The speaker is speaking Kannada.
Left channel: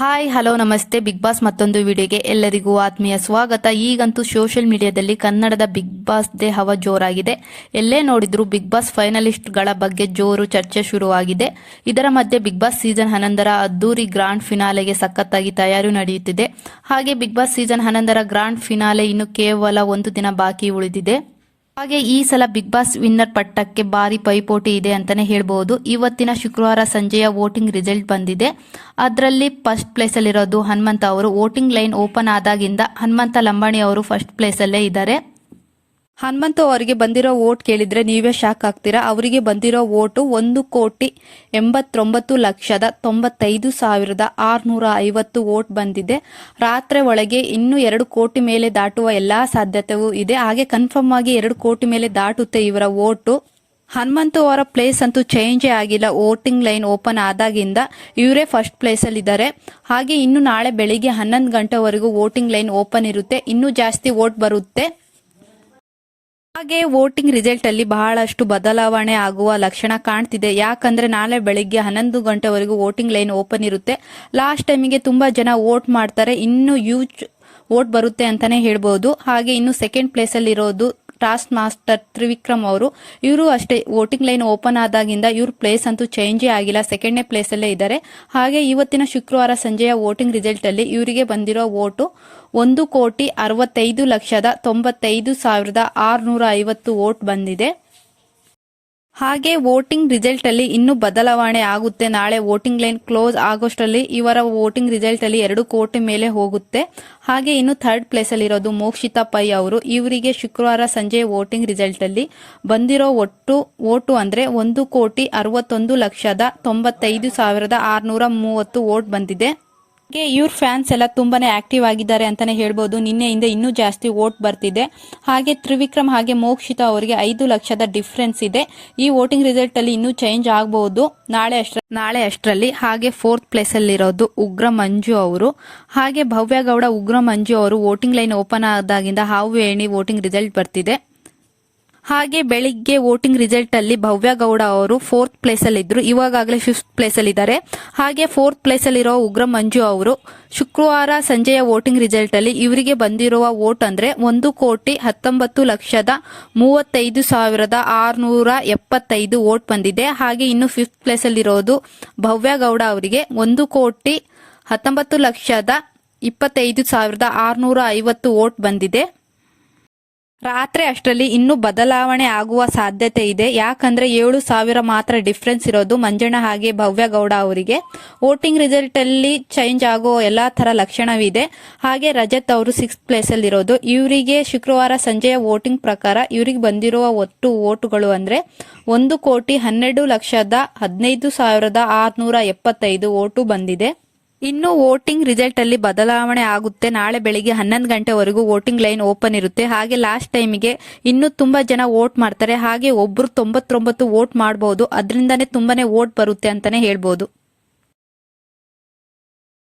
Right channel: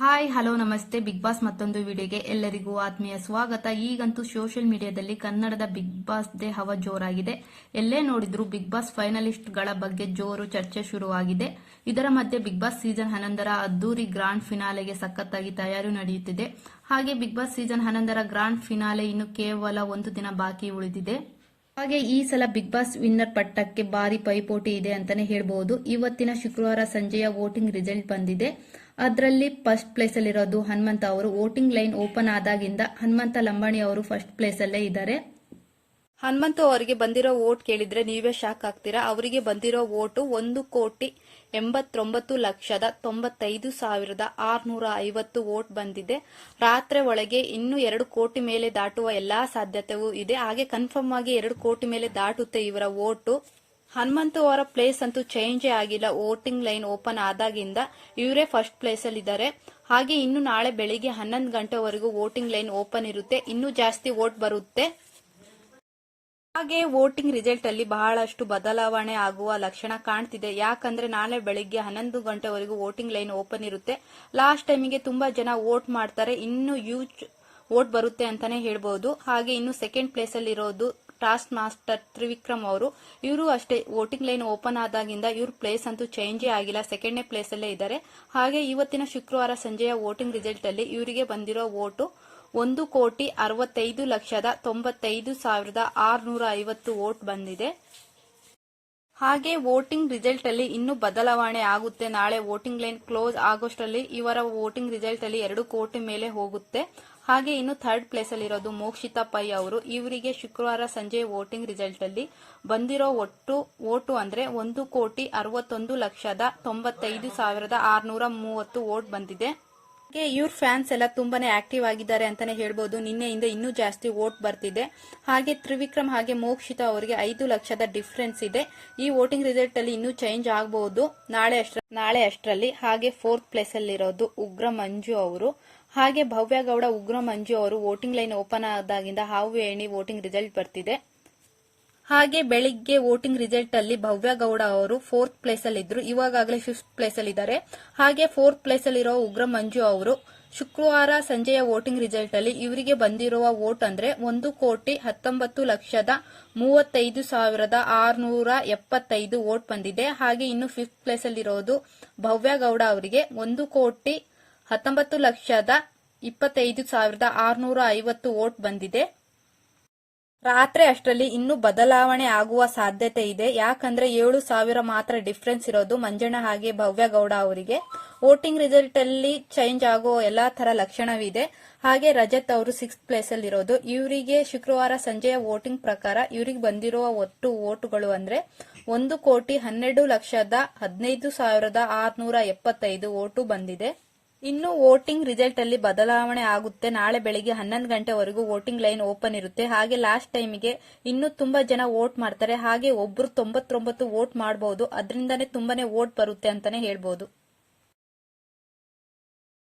ಹಾಯ್, ಹಲೋ, ನಮಸ್ತೆ. ಬಿಗ್ ಬಾಸ್ ಮತ್ತೊಂದು ವಿಡಿಯೋಗೆ ಎಲ್ಲರಿಗೂ ಆತ್ಮೀಯ ಸ್ವಾಗತ. ಈಗಂತೂ ಸೋಷಿಯಲ್ ಮೀಡಿಯಾದಲ್ಲಿ ಕನ್ನಡದ ಬಿಗ್ ಬಾಸ್ ದೇ ಹವ ಜೋರಾಗಿದೆ. ಎಲ್ಲೇ ನೋಡಿದ್ರು ಬಿಗ್ ಬಾಸ್ ಫೈನಲಿಸ್ಟ್ಗಳ ಬಗ್ಗೆ ಜೋರು ಚರ್ಚೆ ಶುರುವಾಗಿದೆ. ಇದರ ಮಧ್ಯೆ ಬಿಗ್ ಬಾಸ್ ಸೀಸನ್ ಹನ್ನೊಂದರ ಅದ್ದೂರಿ ಗ್ರಾಂಡ್ ಫಿನಾಲೆಗೆ ಸಖತ್ತಾಗಿ ತಯಾರಿ ನಡೆಯುತ್ತಿದೆ. ಹಾಗೆ ಬಿಗ್ ಬಾಸ್ ಸೀಸನ್ ಹನ್ನೊಂದರ ಗ್ರಾಂಡ್ ಫಿನಾಲೆ ಇನ್ನು ಕೇವಲ ಒಂದು ದಿನ ಬಾಕಿ ಉಳಿದಿದೆ. ಹಾಗೆ ಈ ಸಲ ಬಿಗ್ ಬಾಸ್ ವಿನ್ನರ್ ಪಟ್ಟಕ್ಕೆ ಭಾರಿ ಪೈಪೋಟಿ ಇದೆ ಅಂತಾನೆ ಹೇಳ್ಬಹುದು ಇವತ್ತಿನ ಶುಕ್ರವಾರ ಸಂಜೆಯ ವೋಟಿಂಗ್ ರಿಸಲ್ಟ್ ಬಂದಿದೆ. ಅದರಲ್ಲಿ ಫಸ್ಟ್ ಪ್ಲೇಸಲ್ಲಿರೋದು ಹನುಮಂತ ಅವರು. ವೋಟಿಂಗ್ ಲೈನ್ ಓಪನ್ ಆದಾಗಿಂದ ಹನುಮಂತ ಲಂಬಾಣಿ ಅವರು ಫಸ್ಟ್ ಪ್ಲೇಸಲ್ಲೇ ಇದ್ದಾರೆ. ಹನುಮಂತ ಅವರಿಗೆ ಬಂದಿರೋ ವೋಟ್ ಕೇಳಿದ್ರೆ ನೀವೇ ಶಾಕ್ ಆಗ್ತೀರಾ? ಅವರಿಗೆ ಬಂದಿರೋ ವೋಟು ಒಂದು ಕೋಟಿ ಎಂಬತ್ತೊಂಬತ್ತು ಲಕ್ಷದ ತೊಂಬತ್ತೈದು ಸಾವಿರದ ಆರುನೂರ ಐವತ್ತು ವೋಟ್ ಬಂದಿದೆ. ರಾತ್ರಿ ಒಳಗೆ ಇನ್ನೂ ಎರಡು ಕೋಟಿ ಮೇಲೆ ದಾಟುವ ಎಲ್ಲಾ ಸಾಧ್ಯತೆಯೂ ಇದೆ. ಹಾಗೆ ಕನ್ಫರ್ಮ್ ಆಗಿ ಎರಡು ಕೋಟಿ ಮೇಲೆ ದಾಟುತ್ತೆ ಇವರ ವೋಟು. ಹನುಮಂತು ಅವರ ಪ್ಲೇಸ್ ಅಂತೂ ಚೇಂಜೇ ಆಗಿಲ್ಲ. ವೋಟಿಂಗ್ ಲೈನ್ ಓಪನ್ ಆದಾಗಿಂದ ಇವರೇ ಫಸ್ಟ್ ಪ್ಲೇಸ್ ಅಲ್ಲಿ ಇದ್ದಾರೆ. ಹಾಗೆ ಇನ್ನು ನಾಳೆ ಬೆಳಿಗ್ಗೆ ಹನ್ನೊಂದು ಗಂಟೆವರೆಗೂ ವೋಟಿಂಗ್ ಲೈನ್ ಓಪನ್ ಇರುತ್ತೆ. ಇನ್ನೂ ಜಾಸ್ತಿ ವೋಟ್ ಬರುತ್ತೆ. ಹಾಗೆ ವೋಟಿಂಗ್ ರಿಸಲ್ಟ್ ಅಲ್ಲಿ ಬಹಳಷ್ಟು ಬದಲಾವಣೆ ಆಗುವ ಲಕ್ಷಣ ಕಾಣ್ತಿದೆ. ಯಾಕಂದ್ರೆ ನಾಳೆ ಬೆಳಿಗ್ಗೆ ಹನ್ನೊಂದು ಗಂಟೆವರೆಗೂ ವೋಟಿಂಗ್ ಲೈನ್ ಓಪನ್ ಇರುತ್ತೆ. ಲಾಸ್ಟ್ ಟೈಮಿಗೆ ತುಂಬಾ ಜನ ವೋಟ್ ಮಾಡ್ತಾರೆ. ಇನ್ನು ಯೂಜ್ ವೋಟ್ ಬರುತ್ತೆ ಅಂತಾನೆ ಹೇಳ್ಬಹುದು ಹಾಗೆ ಇನ್ನು ಸೆಕೆಂಡ್ ಪ್ಲೇಸ್ ಅಲ್ಲಿ ಇರೋದು ಟಾಸ್ಕ್ ಮಾಸ್ಟರ್ ತ್ರಿವಿಕ್ರಮ್ ಅವರು. ಇವರು ಅಷ್ಟೇ ವೋಟಿಂಗ್ ಲೈನ್ ಓಪನ್ ಆದಾಗಿಂದ ಇವ್ರ ಪ್ಲೇಸ್ ಅಂತೂ ಚೇಂಜೇ ಆಗಿಲ್ಲ. ಸೆಕೆಂಡ್ನೇ ಪ್ಲೇಸ್ ಅಲ್ಲೇ ಇದ್ದಾರೆ. ಹಾಗೆ ಇವತ್ತಿನ ಶುಕ್ರವಾರ ಸಂಜೆಯ ವೋಟಿಂಗ್ ರಿಸಲ್ಟ್ ಅಲ್ಲಿ ಇವರಿಗೆ ಬಂದಿರೋ ವೋಟು ಒಂದು ಕೋಟಿ ಅರವತ್ತೈದು ಲಕ್ಷದ ತೊಂಬತ್ತೈದು ಸಾವಿರದ ಆರುನೂರ ಐವತ್ತು ವೋಟ್ ಬಂದಿದೆ. ಹಾಗೆ ವೋಟಿಂಗ್ ರಿಸಲ್ಟ್ ಅಲ್ಲಿ ಇನ್ನೂ ಬದಲಾವಣೆ ಆಗುತ್ತೆ. ನಾಳೆ ವೋಟಿಂಗ್ ಲೈನ್ ಕ್ಲೋಸ್ ಆಗೋಷ್ಟರಲ್ಲಿ ಇವರ ವೋಟಿಂಗ್ ರಿಸಲ್ಟ್ ಅಲ್ಲಿ ಎರಡು ಕೋಟಿ ಮೇಲೆ ಹೋಗುತ್ತೆ. ಹಾಗೆ ಇನ್ನು ಥರ್ಡ್ ಪ್ಲೇಸ್ ಅಲ್ಲಿ ಇರೋದು ಮೋಕ್ಷಿತಾ ಪೈ ಅವರು. ಇವರಿಗೆ ಶುಕ್ರವಾರ ಸಂಜೆ ವೋಟಿಂಗ್ ರಿಸಲ್ಟ್ ಅಲ್ಲಿ ಬಂದಿರೋ ಒಟ್ಟು ವೋಟು ಅಂದ್ರೆ ಒಂದು ಕೋಟಿ ಅರವತ್ತೊಂದು ಲಕ್ಷದ ತೊಂಬತ್ತೈದು ಸಾವಿರದ ಆರುನೂರ ಮೂವತ್ತು ವೋಟ್ ಬಂದಿದೆ. ಇವ್ರ ಫ್ಯಾನ್ಸ್ ಎಲ್ಲ ತುಂಬಾನೇ ಆಕ್ಟಿವ್ ಆಗಿದ್ದಾರೆ ಅಂತಾನೆ ಹೇಳ್ಬೋದು. ನಿನ್ನೆಯಿಂದ ಇನ್ನೂ ಜಾಸ್ತಿ ವೋಟ್ ಬರ್ತಿದೆ. ಹಾಗೆ ತ್ರಿವಿಕ್ರಮ್ ಹಾಗೆ ಮೋಕ್ಷಿತಾ ಅವರಿಗೆ ಐದು ಲಕ್ಷದ ಡಿಫ್ರೆನ್ಸ್ ಇದೆ. ಈ ವೋಟಿಂಗ್ ರಿಸಲ್ಟ್ ಅಲ್ಲಿ ಇನ್ನೂ ಚೇಂಜ್ ಆಗಬಹುದು ನಾಳೆ ಅಷ್ಟ ನಾಳೆ ಅಷ್ಟರಲ್ಲಿ ಹಾಗೆ ಫೋರ್ತ್ ಪ್ಲೇಸ್ ಅಲ್ಲಿರೋದು ಉಗ್ರ ಮಂಜು ಅವರು. ಹಾಗೆ ಭವ್ಯ ಗೌಡ ಉಗ್ರ ಮಂಜು ಅವರು ವೋಟಿಂಗ್ ಲೈನ್ ಓಪನ್ ಆದಾಗಿಂದ ಹಾವು ಏಣಿ ವೋಟಿಂಗ್ ರಿಸಲ್ಟ್ ಬರ್ತಿದೆ. ಹಾಗೆ ಬೆಳಿಗ್ಗೆ ವೋಟಿಂಗ್ ರಿಸಲ್ಟ್ ಅಲ್ಲಿ ಭವ್ಯ ಗೌಡ ಅವರು ಫೋರ್ತ್ ಪ್ಲೇಸ್ ಅಲ್ಲಿ ಇದ್ರು. ಇವಾಗಲೇ ಫಿಫ್ತ್ ಪ್ಲೇಸ್ ಅಲ್ಲಿ ಇದ್ದಾರೆ. ಹಾಗೆ ಫೋರ್ತ್ ಪ್ಲೇಸ್ ಅಲ್ಲಿರೋ ಉಗ್ರ ಮಂಜು ಅವರು ಶುಕ್ರವಾರ ಸಂಜೆಯ ವೋಟಿಂಗ್ ರಿಸಲ್ಟ್ ಅಲ್ಲಿ ಇವರಿಗೆ ಬಂದಿರುವ ವೋಟ್ ಅಂದ್ರೆ ಒಂದು ಕೋಟಿ ಹತ್ತೊಂಬತ್ತು ಲಕ್ಷದ ಮೂವತ್ತೈದು ಸಾವಿರದ ಆರ್ನೂರ ಎಪ್ಪತ್ತೈದು ವೋಟ್ ಬಂದಿದೆ. ಹಾಗೆ ಇನ್ನು ಫಿಫ್ತ್ ಪ್ಲೇಸ್ ಅಲ್ಲಿರೋದು ಭವ್ಯ ಗೌಡ ಅವರಿಗೆ ಒಂದು ಕೋಟಿ ಹತ್ತೊಂಬತ್ತು ಲಕ್ಷದ ಇಪ್ಪತ್ತೈದು ಸಾವಿರದ ಆರ್ನೂರ ಐವತ್ತು ವೋಟ್ ಬಂದಿದೆ. ರಾತ್ರಿ ಅಷ್ಟರಲ್ಲಿ ಇನ್ನೂ ಬದಲಾವಣೆ ಆಗುವ ಸಾಧ್ಯತೆ ಇದೆ. ಯಾಕಂದ್ರೆ ಏಳು ಸಾವಿರ ಮಾತ್ರ ಡಿಫ್ರೆನ್ಸ್ ಇರೋದು ಮಂಜಣ್ಣ ಹಾಗೆ ಭವ್ಯ ಗೌಡ ಅವರಿಗೆ. ವೋಟಿಂಗ್ ರಿಸಲ್ಟ್ ಅಲ್ಲಿ ಚೇಂಜ್ ಆಗೋ ಎಲ್ಲಾ ತರ ಲಕ್ಷಣವಿದೆ. ಹಾಗೆ ರಜತ್ ಅವರು ಸಿಕ್ಸ್ ಪ್ಲೇಸ್ ಅಲ್ಲಿ ಇರೋದು. ಇವರಿಗೆ ಶುಕ್ರವಾರ ಸಂಜೆಯ ವೋಟಿಂಗ್ ಪ್ರಕಾರ ಇವರಿಗೆ ಬಂದಿರುವ ಒಟ್ಟು ವೋಟುಗಳು ಅಂದ್ರೆ ಒಂದು ಕೋಟಿ ಹನ್ನೆರಡು ಲಕ್ಷದ ಹದಿನೈದು ಸಾವಿರದ ಆರ್ನೂರ ಎಪ್ಪತ್ತೈದು ವೋಟು ಬಂದಿದೆ. ಇನ್ನು ವೋಟಿಂಗ್ ರಿಸಲ್ಟ್ ಅಲ್ಲಿ ಬದಲಾವಣೆ ಆಗುತ್ತೆ. ನಾಳೆ ಬೆಳಿಗ್ಗೆ ಹನ್ನೊಂದು ಗಂಟೆವರೆಗೂ ವೋಟಿಂಗ್ ಲೈನ್ ಓಪನ್ ಇರುತ್ತೆ. ಹಾಗೆ ಲಾಸ್ಟ್ ಟೈಮಿಗೆ ಇನ್ನೂ ತುಂಬಾ ಜನ ವೋಟ್ ಮಾಡ್ತಾರೆ. ಹಾಗೆ ಒಬ್ರು ತೊಂಬತ್ತೊಂಬತ್ತು ವೋಟ್ ಮಾಡಬಹುದು ಅದರಿಂದಾನೇ ತುಂಬಾನೇ ವೋಟ್ ಬರುತ್ತೆ ಅಂತಾನೆ ಹೇಳ್ಬೋದು.